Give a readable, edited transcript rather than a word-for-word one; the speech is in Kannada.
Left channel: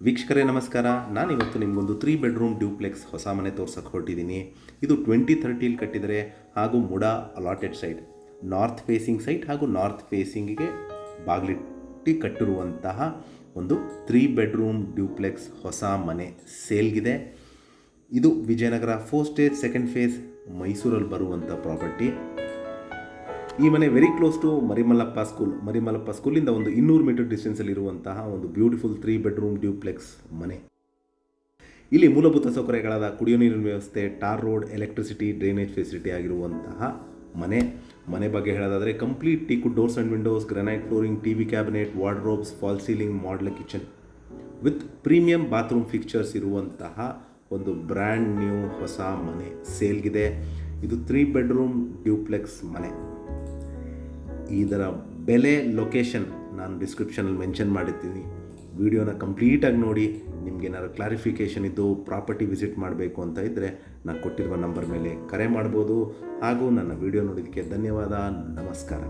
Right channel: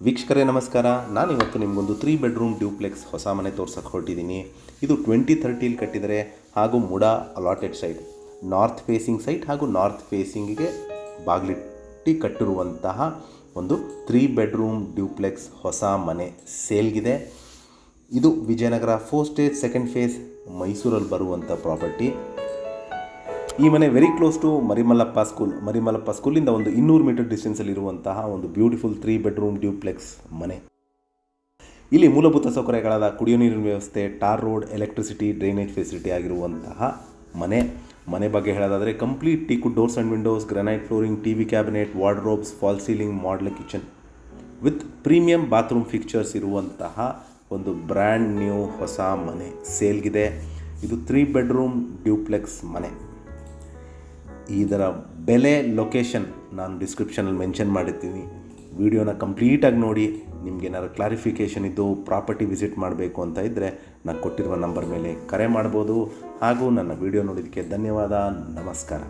ವೀಕ್ಷಕರೇ ನಮಸ್ಕಾರ. ನಾನಿವತ್ತು ನಿಮಗೊಂದು 3 ಬೆಡ್ರೂಮ್ ಡ್ಯೂಪ್ಲೆಕ್ಸ್ ಹೊಸ ಮನೆ ತೋರ್ಸಕ್ಕೆ ಹೊರಟಿದ್ದೀನಿ. ಇದು 2030 ಕಟ್ಟಿದರೆ ಹಾಗೂ MUDA allotted site, north facing site ಹಾಗೂ ನಾರ್ತ್ ಫೇಸಿಂಗಿಗೆ ಬಾಗಿಲಿಟ್ಟು ಕಟ್ಟಿರುವಂತಹ ಒಂದು 3 ಬೆಡ್ರೂಮ್ ಡ್ಯೂಪ್ಲೆಕ್ಸ್ ಹೊಸ ಮನೆ ಸೇಲ್ಗಿದೆ. ಇದು ವಿಜಯನಗರ 4 ಸ್ಟೇಜ್ 2nd ಫೇಸ್ ಮೈಸೂರಲ್ಲಿ ಬರುವಂಥ ಪ್ರಾಪರ್ಟಿ. ಈ ಮನೆ ವೆರಿ ಕ್ಲೋಸ್ ಟು ಮರಿಮಲ್ಲಪ್ಪ ಸ್ಕೂಲಿಂದ ಒಂದು 200 ಮೀಟರ್ ಡಿಸ್ಟೆನ್ಸಲ್ಲಿರುವಂತಹ ಒಂದು ಬ್ಯೂಟಿಫುಲ್ 3 ಬೆಡ್ರೂಮ್ ಡ್ಯೂಪ್ಲೆಕ್ಸ್ ಮನೆ. ಇಲ್ಲಿ ಮೂಲಭೂತ ಸೌಕರ್ಯಗಳಾದ ಕುಡಿಯೋ ನೀರಿನ ವ್ಯವಸ್ಥೆ, tar road, electricity, drainage facility ಆಗಿರುವಂತಹ ಮನೆ ಬಗ್ಗೆ ಹೇಳೋದಾದರೆ complete teakwood doors and windows, granite flooring, TV cabinet, wardrobes, fall ceiling, model kitchen with premium bathroom fixtures ಇರುವಂತಹ ಒಂದು ಬ್ರ್ಯಾಂಡ್ ನ್ಯೂ ಹೊಸ ಮನೆ ಸೇಲ್ಗಿದೆ. ಇದು 3 ಬೆಡ್ರೂಮ್ ಡ್ಯೂಪ್ಲೆಕ್ಸ್ ಮನೆ. ಇದರ ಬೆಲೆ, ಲೊಕೇಶನ್ ನಾನು ಡಿಸ್ಕ್ರಿಪ್ಷನಲ್ಲಿ ಮೆನ್ಷನ್ ಮಾಡಿರ್ತೀನಿ. ವಿಡಿಯೋನ ಕಂಪ್ಲೀಟಾಗಿ ನೋಡಿ. ನಿಮಗೇನಾದ್ರು ಕ್ಲಾರಿಫಿಕೇಷನ್ ಇದ್ದು ಪ್ರಾಪರ್ಟಿ ವಿಸಿಟ್ ಮಾಡಬೇಕು ಅಂತ ಇದ್ದರೆ ನಾನು ಕೊಟ್ಟಿರುವ ನಂಬರ್ ಮೇಲೆ ಕರೆ ಮಾಡ್ಬೋದು. ಹಾಗೂ ನನ್ನ ವಿಡಿಯೋ ನೋಡಿದ್ದಕ್ಕೆ ಧನ್ಯವಾದ. ನಮಸ್ಕಾರ.